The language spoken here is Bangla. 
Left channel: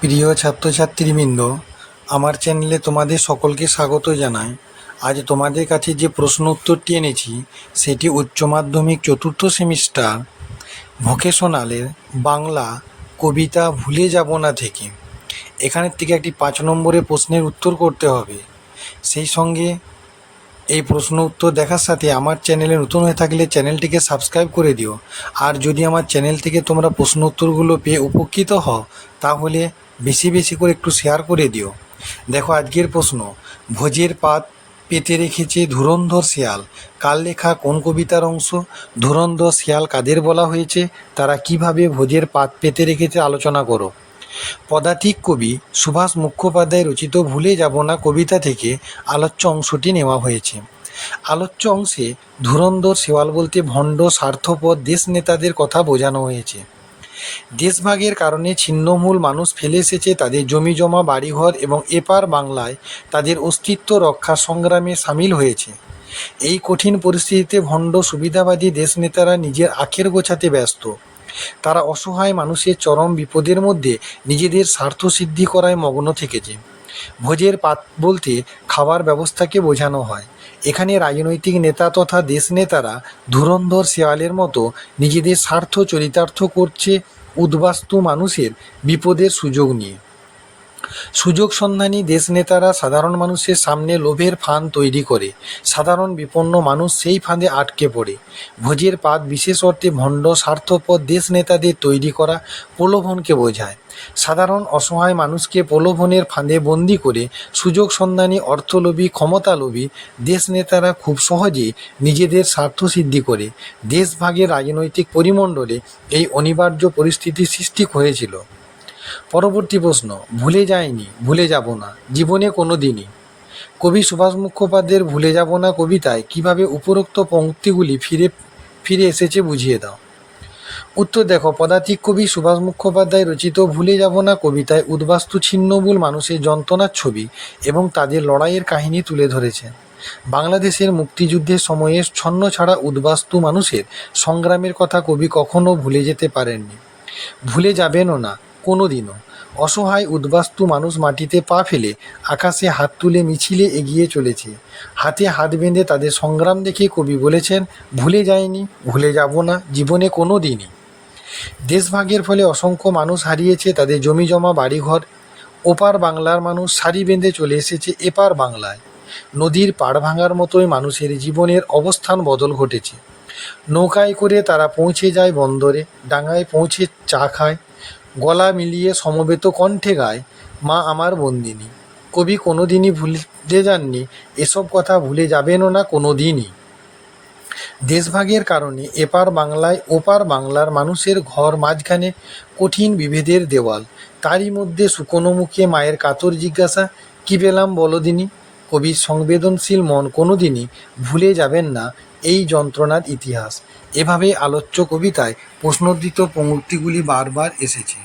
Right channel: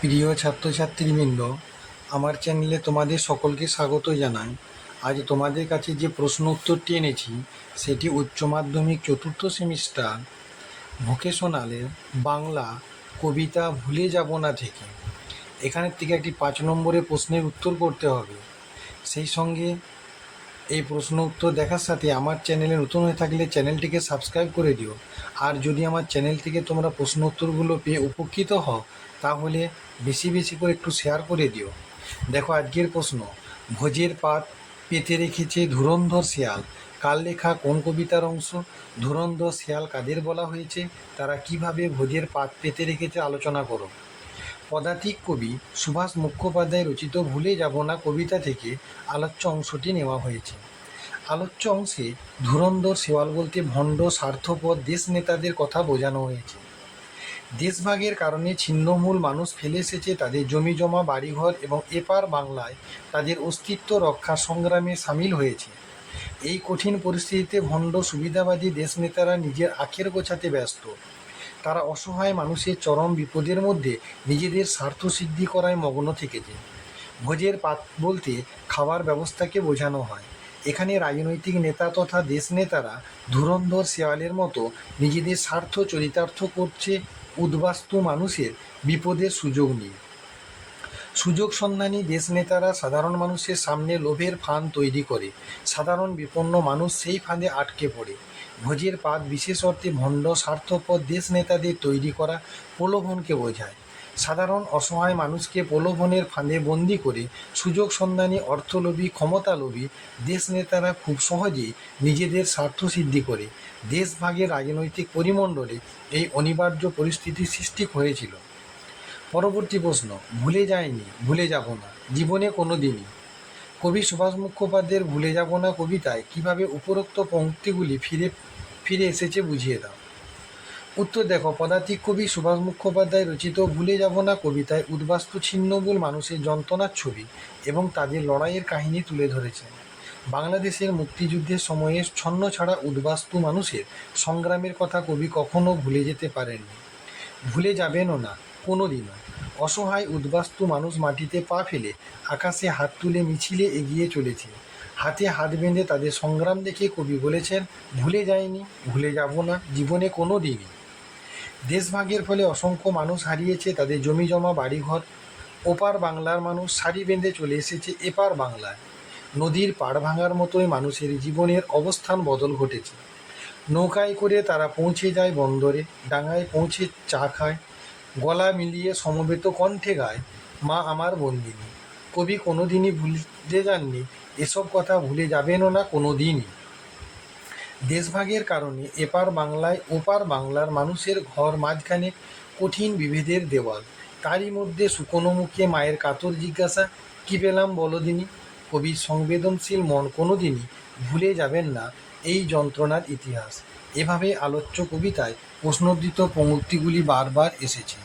প্রিয় ছাত্রছাত্রীবৃন্দ, আমার চ্যানেলে তোমাদের সকলকে স্বাগত জানাই। আজ তোমাদের কাছে যে প্রশ্ন উত্তরটি এনেছি সেটি উচ্চ মাধ্যমিক চতুর্থ সেমিস্টার ভোকেশনালের বাংলা কবিতা ভুলে যাব না থেকে। এখানের থেকে একটি 5 নম্বরের প্রশ্নের উত্তর করতে হবে। সেই সঙ্গে এই প্রশ্ন উত্তর দেখার সাথে আমার চ্যানেলে নতুন হয়ে থাকলে চ্যানেলটিকে সাবস্ক্রাইব করে দিও। আর যদি আমার চ্যানেল থেকে তোমরা প্রশ্ন উত্তরগুলো পেয়ে উপকৃত হও তাহলে বেশি বেশি করে একটু শেয়ার করে দিও। দেখো আজকের প্রশ্ন, ভোজের পাত পেতে রেখেছে ধুরন্ধর শিয়াল কার লেখা কোন কবিতার অংশ? ধুরন্ধর শিয়াল কাদের বলা হয়েছে? তারা কিভাবে ভোজের পাত পেতে রেখেছে আলোচনা করো। পদাতিক কবি সুভাষ মুখোপাধ্যায় রচিত ভুলে যাব না কবিতা থেকে আলোচ্য অংশটি নেওয়া হয়েছে। আলোচ্য অংশে ধুরন্ধর শেয়াল বলতে ভণ্ড স্বার্থপর দেশ নেতাদের কথা বোঝানো হয়েছে। দেশভাগের কারণে ছিন্নমূল মানুষ ফেলে এসেছে তাদের জমিজমা বাড়িঘর এবং এপার বাংলায় তাদের অস্তিত্ব রক্ষা সংগ্রামে সামিল হয়েছে। এই কঠিন পরিস্থিতিতে ভণ্ড সুবিধাবাদী দেশনেতারা নিজের আখের গোছাতে ব্যস্ত। তারা অসহায় মানুষের চরম বিপদের মধ্যে নিজেদের স্বার্থ সিদ্ধি করায় মগ্ন থেকেছে। ভোজের পাত বলতে খাবার ব্যবস্থাকে বোঝানো হয়। এখানে রাজনৈতিক নেতা তথা দেশ নেতারা ধুরন্ধর শেয়ালের মতো নিজেদের স্বার্থ চরিতার্থ করছে উদ্বাস্তু মানুষের বিপদের সুযোগ নিয়ে। সুযোগ সন্ধানী দেশনেতারা সাধারণ মানুষের সামনে লোভের ফাঁদ তৈরি করে সাধারণ বিপন্ন মানুষ সেই ফাঁদে আটকে পড়ে। ভোজের পাত বিশেষ অর্থে ভণ্ড স্বার্থপর দেশনেতাদের তৈরি করা প্রলোভনকে বোঝায়। সাধারণ অসহায় মানুষকে প্রলোভনের ফাঁদে বন্দি করে সুযোগ সন্ধানী অর্থলোভী ক্ষমতালোভী দেশনেতারা খুব সহজেই নিজেদের স্বার্থ সিদ্ধি করে। দেশভাগের রাজনৈতিক পরিমণ্ডলে এই অনিবার্য পরিস্থিতির সৃষ্টি হয়েছিল। পরবর্তী প্রশ্ন, ভুলে যায়নি ভুলে যাব না জীবনে কোনো দিনই। কবি সুভাষ মুখোপাধ্যায়ের ভুলে যাব না কবিতায় কিভাবে উপরোক্ত পংক্তিগুলি ফিরে ফিরে এসেছে বুঝিয়ে দাও। উত্তর দেখো, পদাতিক কবি সুভাষ মুখোপাধ্যায় রচিত ভুলে যাব না কবিতায় উদ্বাস্তু ছিন্নমূল মানুষের যন্ত্রণার ছবি এবং তাদের লড়াইয়ের কাহিনী তুলে ধরেছেন। বাংলাদেশের মুক্তিযুদ্ধের সময়ে ছন্ন ছাড়া উদ্বাস্তু মানুষের সংগ্রামের কথা কবি কখনো ভুলে যেতে পারেননি, ভুলে যাবেনও না কোনো দিনও। অসহায় উদ্বাস্তু মানুষ মাটিতে পা ফেলে আকাশে হাত তুলে মিছিলে এগিয়ে চলেছে। হাতে হাত বেঁধে তাদের সংগ্রাম দেখে কবি বলেছেন, ভুলে যায়নি ভুলে যাব না জীবনে কোনো দিনই। দেশভাগের ফলে অসংখ্য মানুষ হারিয়েছে তাদের জমিজমা বাড়িঘর। ওপার বাংলার মানুষ সারি বেঁধে চলে এসেছে এপার বাংলায়। নদীর পাড় ভাঙার মতোই মানুষের জীবনের অবস্থান বদল ঘটেছে। নৌকায় করে তারা পৌঁছে যায় বন্দরে, ডাঙায় পৌঁছে চা খায়, গলা মিলিয়ে সমবেত কণ্ঠে গায় মা আমার বন্দিনী। কবি কোনো দিনই ভুলে যাননি, এসব কথা ভুলে যাবেনও না কোনো দিনই। দেশভাগের কারণে এপার বাংলায় ওপার বাংলার মানুষের ঘর মাঝখানে কঠিন বিভেদের দেওয়াল, তারই মধ্যে শুকনো মুখে মায়ের কাতর জিজ্ঞাসা, কী পেলাম বলো দিনি। কবির সংবেদনশীল মন কোনো দিনই ভুলে যাবেন না এই যন্ত্রণার ইতিহাস। এভাবে আলোচ্য কবিতায় প্রশ্নোদ্ধৃত পংক্তিগুলি বারবার এসেছে।